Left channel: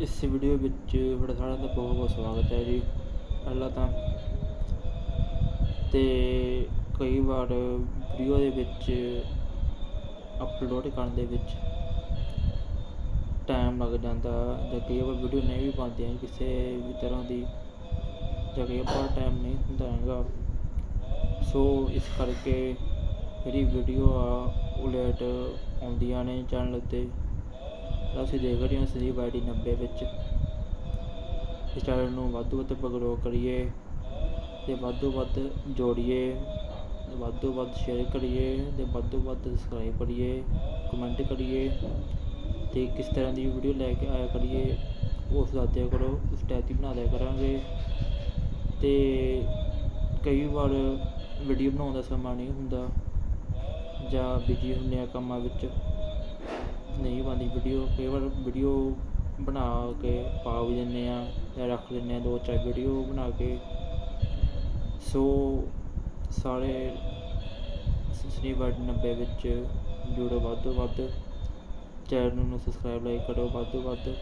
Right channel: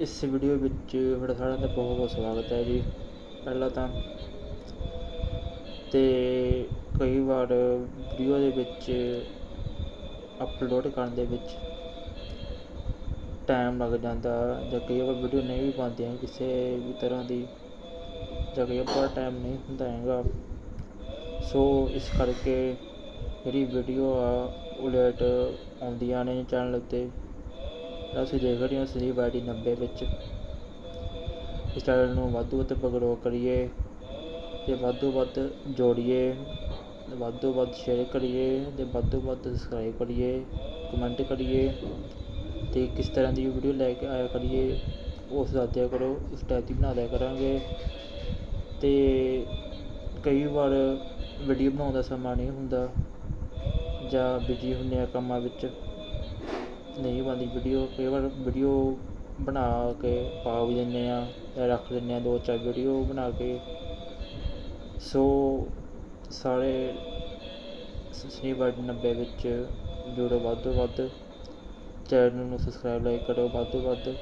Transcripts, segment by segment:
ਇਸ ਵੀਡੀਓ ਵਿੱਚ ਤੁਹਾਡਾ ਸਾਰਿਆਂ ਦਾ ਬਹੁਤ ਬਹੁਤ ਸਵਾਗਤ ਹੈ ਜੀ। ਪਹਿਲਾਂ ਤਾਂ ਤੇ ਕਈ ਵਾਰ ਵੀਡੀਓ ਦੇ ਵਿੱਚ ਅਪਲੋਡ ਕਰਨ ਦੇ ਵਿੱਚ ਟਾਈਮ ਲੱਗ ਜਾਂਦਾ ਜਾਂ ਕਈ ਵਾਰ ਵੀਡੀਓ ਨਹੀਂ ਵੀ ਬਣਦੀਆਂ ਕਿਸੇ ਵੀ ਤਰ੍ਹਾਂ ਦੀ ਜਾਂ ਕਈ ਵਾਰ ਟਾਈਮ ਨਹੀਂ ਹੁੰਦਾ ਹੈਗਾ। ਸੋ ਇਸ ਕਰਕੇ ਜਿਹੜੀ ਵੀਡੀਓ ਆ, ਉਹ ਲੇਟ ਆਉਂਦੀਆਂ ਨੇ ਚੈਨਲ ਉੱਤੇ ਅਸੀਂ ਦੇਖ ਰਹੇ ਹਾਂ ਸੰਦੀਪ ਆਈਡੀ 90 ਵਿੱਚ। ਇਸ ਚੈਨਲ ਨੂੰ ਵੱਧ ਤੋਂ ਵੱਧ ਗਰੋ ਕਰੀਏ ਤੇ ਵੱਧ ਤੋਂ ਵੱਧ ਜੋੜੀਏ, ਵੱਧ ਤੋਂ ਵੱਧ ਸ਼ੇਅਰ ਕਰੀਏ ਤੇ ਵੱਧ ਤੋਂ ਵੱਧ ਸਬਸਕ੍ਰਾਈਬ ਕਰੀਏ ਕਮੈਂਟ ਕਰੀਏ ਤੇ ਕਿਸ ਤਰ੍ਹਾਂ ਦੀ ਵੀਡੀਓ ਲੈ ਕੇ ਆਇਆ ਕਰੀਏ ਉਸ ਦਾ ਦਿਆ ਕਰੋ, ਉਸ ਟਾਈਪ ਦੀ ਬਣਾ ਲਿਆ ਕਰਾਂਗੇ। ਤੇ ਕਈ ਵਾਰ ਵੀਡੀਓ ਬਣਾਉਣ ਦਾ ਸਮਾਂ ਨਹੀਂ ਹੁੰਦਾ ਜਾਂ ਬਿਜ਼ੀ ਹੁੰਦੇ ਆ ਕੰਮਾਂ ਵਿੱਚ। ਨਹੀਂ ਬਣਦੀ। ਵੀਡੀਓ ਕਈ ਵਾਰ ਵੀਡੀਓ ਬਣਾ ਕੇ ਪਾ ਵੀ ਦਿੰਦੇ ਆ ਜਾਂ ਰੱਖ ਦਿੰਦੇ ਆ ਦੋ ਚਾਰ ਵੀਡੀਓ ਬਣਾ ਕੇ। ਸੋ ਸਾਰੇ ਸਨੀਵਰਡ 90 ਵਿੱਚ ਜੁੜੋ ਵੱਧ ਤੋਂ ਵੱਧ। ਚੈਨਲ ਨੂੰ ਸਬਸਕ੍ਰਾਈਬ ਲਾਈਕ ਕਰੋ ਵੱਧ ਤੋਂ ਵੱਧ।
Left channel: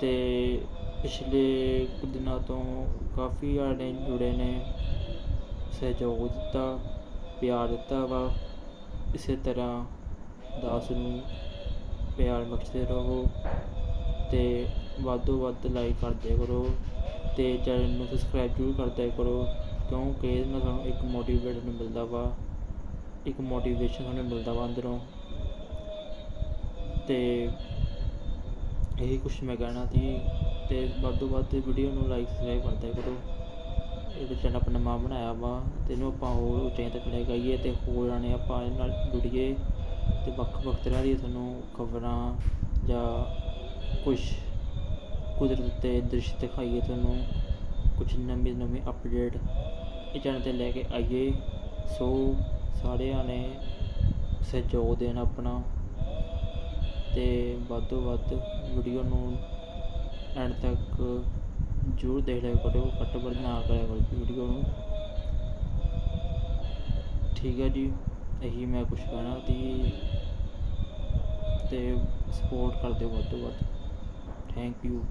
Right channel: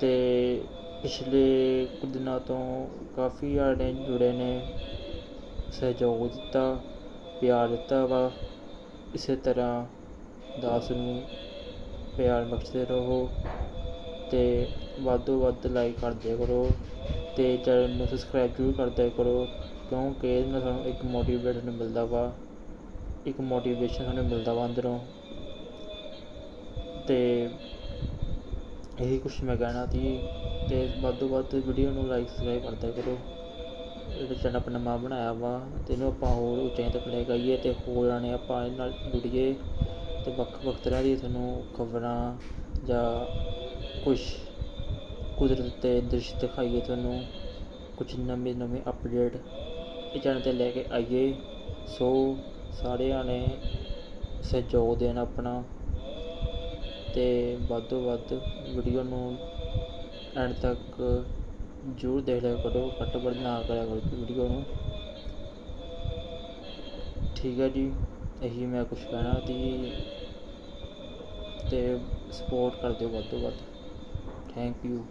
ਤੇ ਪਿਛਲੇ ਕੁਝ ਦਿਨਾਂ ਤੋਂ ਕਾਫੀ ਆੜੇ ਜੁੜੇ ਨੇ। ਸਹਿਯੋਗ ਦਿੱਤਾ, ਪਿਆਰ ਦਿੱਤਾ ਵਾ। ਇਸੇ ਤਰ੍ਹਾਂ ਦਾਸ ਨੂੰ ਪਿਆਰ ਬਖਸ਼ਦੇ ਰਹੋ ਤੇ ਵੱਧ ਤੋਂ ਵੱਧ ਲਾਈਕ ਕਰਦੇ ਕਰੋ ਤੇ ਚੈਨਲ ਨੂੰ ਸਬਸਕ੍ਰਾਈਬ ਜ਼ਰੂਰ ਕਰਦੇ ਕਰੋ ਕਿਉਂਕਿ ਇਹਦੇ ਨਾਲ ਸਾਨੂੰ ਇੱਕ ਮੋਟੀਵੇਸ਼ਨ ਮਿਲਦਾ ਵਾ, ਇੱਕ ਮੋਟੀਵੇਸ਼ਨ ਸਾਨੂੰ ਮਿਲਦਾ ਵਾ ਅੰਦਰੋਂ। ਤੇ ਇਹੀ ਕੁਛ ਮੈਂ ਕਹਿਣਾ ਸੀ ਤੇ ਵੱਧ ਤੋਂ ਵੱਧ ਵੀਡੀਓ ਨੂੰ ਲਾਈਕ ਸਬਸਕ੍ਰਾਈਬ ਕਰਦੇ ਕਰੋ। ਇਹ ਚੈਨਲ ਆਪਣਾ ਮਾਂ ਬਣਾਇਆ ਵਾ, ਤੇ ਇਹਨੂੰ ਆਪਾਂ ਹੋਰ ਉੱਚਾਈਆਂ ਤੱਕ ਲੈ ਕੇ ਆਈਏ ਤੇ ਹੋਰਾਂ ਨੇ ਆਪਾਂ ਇਹਦੇ ਨਾਲ ਜੁੜੀਏ। ਤੇ ਵੱਖ ਵੱਖ ਤਰ੍ਹਾਂ ਦੀ ਤੁਹਾਨੂੰ ਖਬਰਾਂ ਜਾਂ ਕੁਛ ਕੁਦਰਤ ਦੇ ਦ੍ਰਿਸ਼ ਦਿਖਾਈਏ, ਤੁਹਾਨੂੰ ਕੁਛ ਨਵੇਂ ਨਵੇਂ ਅਪਡੇਟ ਇਹ ਚੈਨਲ 'ਤੇ ਲੈ ਕੇ ਆਈਏ। ਸੋ ਸਾਰਿਆਂ ਨੇ ਸਹਿਯੋਗ ਦੇਣ ਆਪਣਾ ਤੇ ਵੱਧ ਤੋਂ ਵੱਧ ਵੀਡੀਓ ਨੂੰ ਐਂਡ ਤੱਕ ਜ਼ਰੂਰ ਦੇਖ ਲਿਆ ਕਰੋ, ਘੱਟ ਵੱਧ ਨਾ ਕਰਿਆ ਕਰੋ ਵੀਡੀਓ ਨੂੰ। ਠੀਕ ਹੈ ਜੀ, ਇਹੀ ਮੈਂ ਕੁਝ ਕਹਿਣਾ ਸੀ। ਤੇ ਸਪੋਰਟ ਕਰ ਦਿਓ ਵੱਧ ਤੋਂ ਵੱਧ। Thank you